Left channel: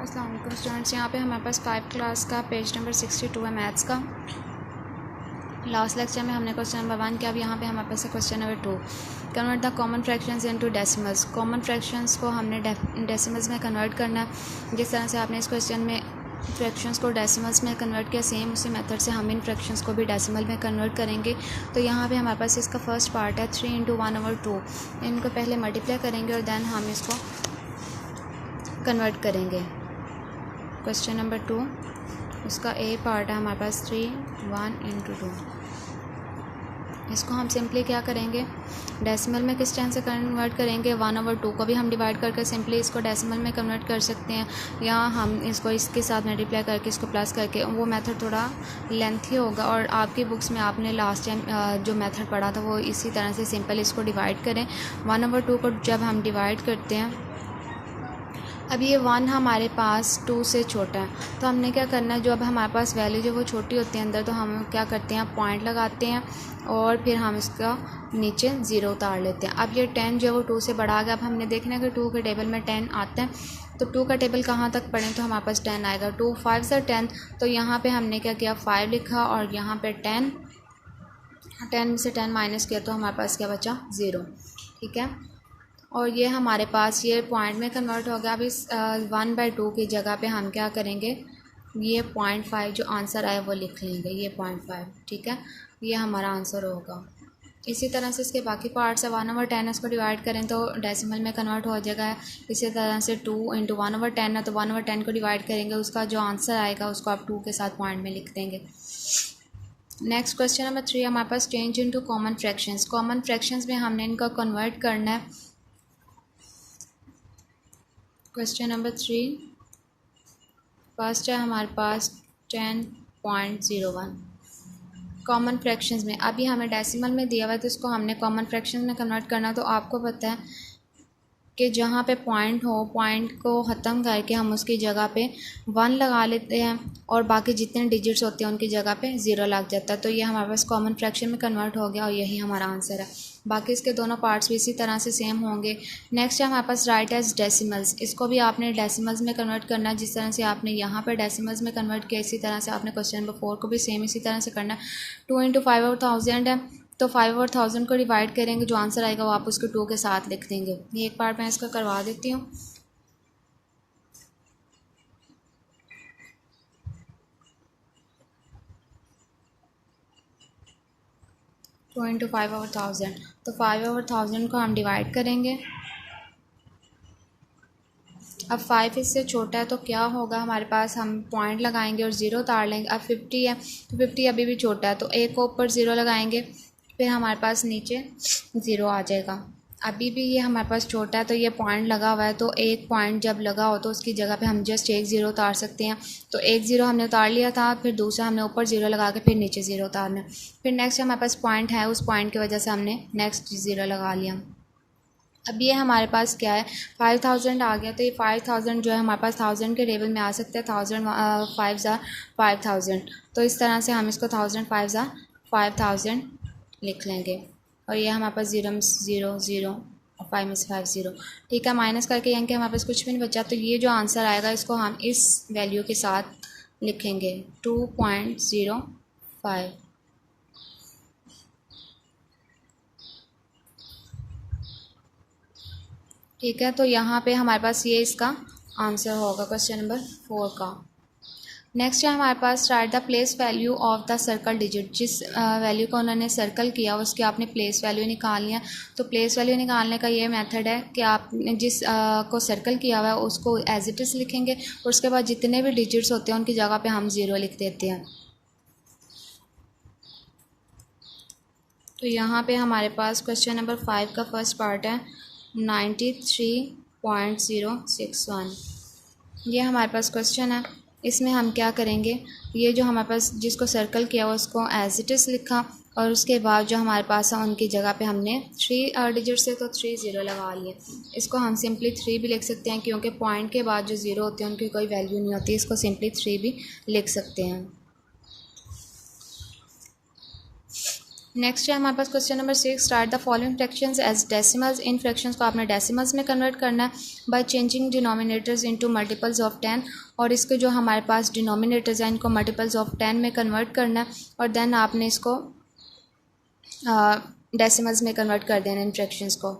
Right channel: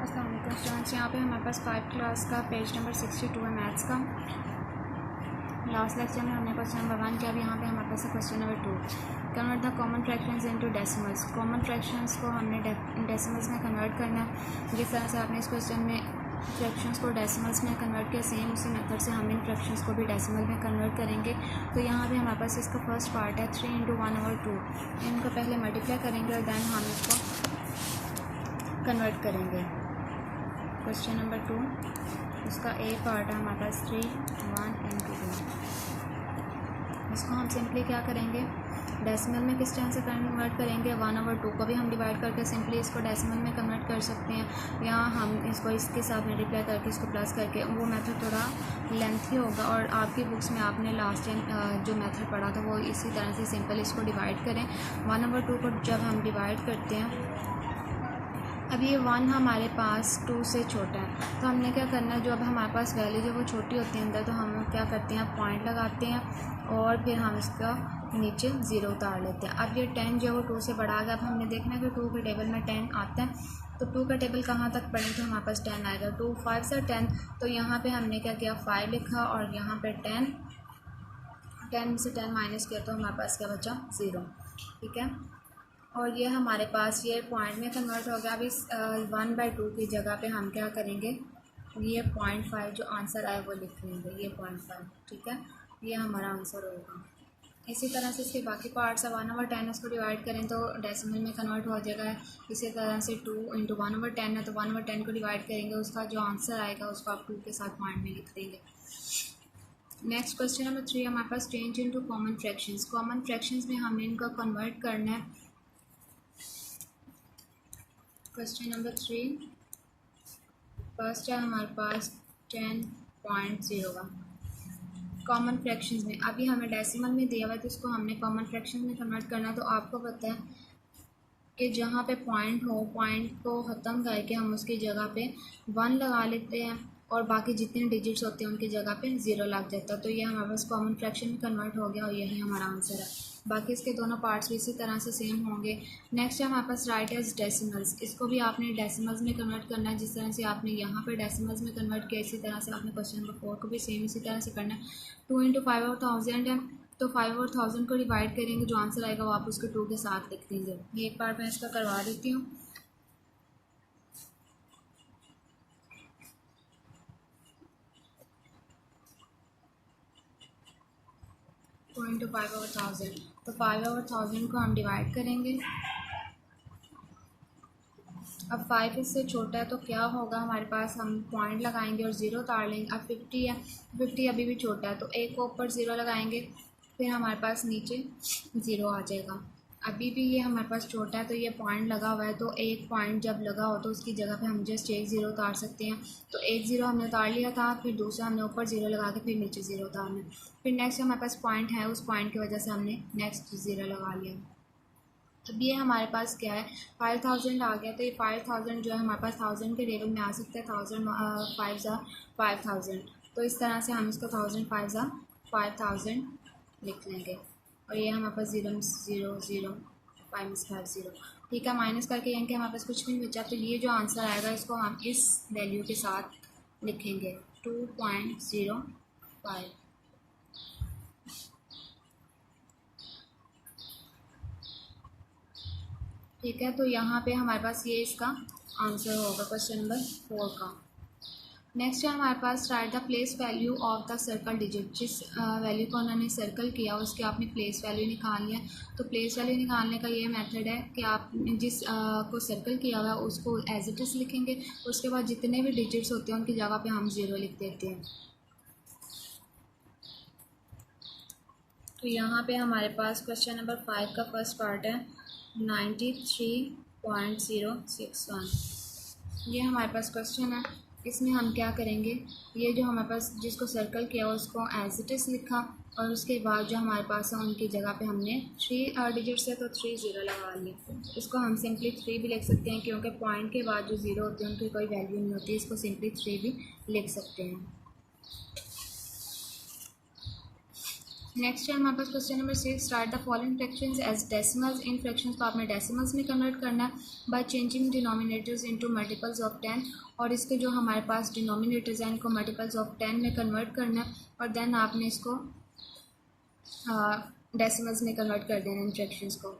अस्सलाम वालेकुम स्टूडेंट्स। यहाँ पे हमारे पास 5 क्लास का पेज नंबर 62 है मैथ्स का। लास्ट लेक्चर में हमने क्वेश्चन नंबर 1 किया। अब यहाँ पे हमारे पास है question number 2। Convert the common fractions into decimals. Common fractions को हमने डेसिमल्स में कन्वर्ट करना। जिस तरह से आपने इस क्वेश्चन में फ्रैक्शंस को डेसिमल्स में कन्वर्ट किया, सेम उसी मेथड से हम इन फ्रैक्शंस को भी डेसिमल में कन्वर्ट करेंगे। तो यहाँ पे हमारे पास इसका फर्स्ट पार्ट है 3 × 1/2। इनको पहले मल्टीप्लाई करेंगे और दैन हम इसको कन्वर्ट करेंगे। क्वेश्चन नंबर 2 उसका ए पार्ट है हमारे पास 3 1 × 2। इसको हम सिंपली क्या करेंगे, डेसिमल में किस टाइम से कन्वर्ट करेंगे। 1/2 को भी हम डिवाइड करके सिंपली इसको डेसिमल में कन्वर्ट कर सकते हैं, या हम इसको इसके साथ मल्टीप्लाई करके इसको प्लस करके। वो मेथड थोड़ा लेंथी होगा और आपकी बुक्स में आपने लास्ट टाइम जो मेथड पढ़ा था वो इसी तरह से सिंपल इसको डिवाइड करें। 1/2 को जब हम डिवाइड करते हैं, अब ये 1 हमारे पास 2 से छोटा है, तो हमने क्या करना है, जो अब हमारे पास वैल्यू जो वो छोटी होती है अंदर, तो हम क्या करते हैं, पॉइंट लगाते हैं और फिर हम इसका नीचे 0 उतार लेते हैं। अब ये 10 जो वो 2 से बढ़ा गया। अब हमने देखना है कि 2 के टेबल में 10 आता है, तो 2 का टेबल कहाँ तक पढ़ें, तो हमारे पास 10 आएगा। 2 5 से 10, तो यहाँ पर हमने क्या किया, 5 लिखा और यहाँ पर 10 में से 10 माइनस किया, तो हमारे पास क्या बचा, 0। ठीक है, और ये हमारे पास ये पॉइंट में कन्वर्ट हो गया। अब इस 1/2 की जगह पे हम क्या करेंगे, ये 0.5 जो आंसर आया वो लिख लेंगे, ये 0.5। ठीक है, ये हमारा आंसर होगा। इसी तरह से इसके बाकी पार्ट्स है। 1/10 इसको डिवाइड करें तो डेसिमल में कन्वर्ट हो जाएगा। इसी तरह से 2 × 1/10 है, तो 1/10 को डिवाइड करेंगे, उसका जो आंसर आएगा उसको आप 2 के साथ पॉइंट में लिख देंगे। नेक्स्ट क्वेश्चन नंबर 3 हमारे पास change into common fractions. Common fractions में हमने इनका कन्वर्ट करना है। क्वेश्चन नंबर 3 फर्स्ट है हमारे पास 10.01 कॉमन फ्रैक्शंस में। अभी हमें डेसिमल में दिया हुआ है, तो इसको हमने कॉमन फ्रैक्शंस में कन्वर्ट करना। तो आपको पता है कि जहाँ पे पॉइंट हो, पॉइंट को ख़त्म करके हम उसकी जगह पे 1 लगा लेते हैं और बाकी जितने डिजिट्स होते हैं उनकी जगह पे 0 लग जाता है। तो ये हमारे पास कॉमन फ्रैक्शन में कन्वर्ट हो गया और यही हमारा आंसर है। बाकी इसके दोनों पार्ट्स भी इसी तरह से सेम होंगे। नेक्स्ट है हमारे पास राइट एज डेसिमल्स। इसको भी आपने डेसिमल्स में कन्वर्ट करना है। जिस तरह से आपने यहाँ पर डेसिमल्स में कन्वर्ट किया, इसी तरह से आपने क्वेश्चन नंबर 4 को भी सेम इसी तरह से करना है। 2 × 5/1000 है, तो 5/1000 को डिवाइड करेंगे, जो आंसर आएगा वो आप उसको 2 के साथ लिख देंगे। ये एक पार्ट मैं इसका करवा देती हूँ। टू इंटू 5/1000, तो 5/1000 को हम डिवाइड करेंगे। अब 5 इससे छोटा है, तो क्या होगा हमारे पास, हम पॉइंट लगाएंगे और 0 उतार लेंगे। अब 50 है, तो 50 अभी भी छोटा है, तो एक को ऊपर 0 लगाएंगे, फिर हमारे पास नीचे 0 आ जाएगा। अभी भी ये हमारे पास छोटा है, तो ये पॉइंट लगा हुआ है, तो एक पॉइंट जब लगा हो तो उसकी जगह पे हम जस्ट एक 0 उतार सकते हैं। तो एक 0 हमने उतार लिया था, फिर दूसरा हमने ऊपर 0 लगा के फिर नीचे 0 उतारना। फिर नेक्स्ट हमारे पास पॉइंट है, उस पॉइंट की वजह से हमने नेक्स्ट 0 लगा लिया। अब ये हमारे पास क्या है, 5000 आ गया। तो ये 5000 जो है हमारे पास 1000 के टेबल में आ सकते हैं। 1000 5 ज़ा 5000, तो इस तरह से हम इसको 1000 5 ज़ा 5000 लिख लेंगे। और ये हमारे पास 0 में 0 0 और 5 में से 5 0। ठीक है, माइनस करके यानी कि हमारे पास कुछ भी नहीं बचा। तो ये जो आंसर आएगा इसको हम इस वैल्यू के साथ लिखेंगे 2.05। ठीक है, तो यहाँ पे हमारे पास ये इसका आंसर होगा क्वेश्चन नंबर 4 का। नेक्स्ट है हमारे पास write the place value of the circle digit. जिस वैल्यू को उन्होंने सर्कल किया उसके आपने प्लेस वैल्यू निकालनी है। तो प्लेस वैल्यू निकालने का ये मेथड है कि आपने जिस को सर्कल किया हुआ है उसको एज इट इज़ लिखेंगे और उसके बाद जितने भी डिजिट्स होते हैं उनकी जगह पे हम 0 लिख देते हैं। तो यहाँ पे हमारे पास क्वेश्चन नंबर 5 का फर्स्ट पार्ट है 93.061। ये हमारे पास क्वेश्चन है। इसमें हम क्या करेंगे, ये जो हमारे पास जिसको सर्कल किया हुआ उसको एज इट इज़ लिखा और उसके बाद जो हमारे पास है उनकी जगह पे हमने 3 डिजिट से तो 3 0 लगा लिए। इसको हम सिंपली 3 भी लिख सकते हैं, क्योंकि पॉइंट के बाद जो 0 होते हैं उनकी कोई वैल्यू नहीं होती। इसको सिंपली 3 भी लिख सकते हैं। नेक्स्ट है हमारे पास question number 6, start the following fractions as decimals. इन फ्रैक्शंस को आपने डेसिमल्स में कन्वर्ट करना है by changing denominators into multiples of 10, और इसके जो हमारे पास डिनोमिनेटर्स हैं इनको मल्टीपल्स ऑफ 10 में कन्वर्ट करना है और देन आपने इसको डेसिमल्स में कन्वर्ट कर देना इन फ्रैक्शंस को।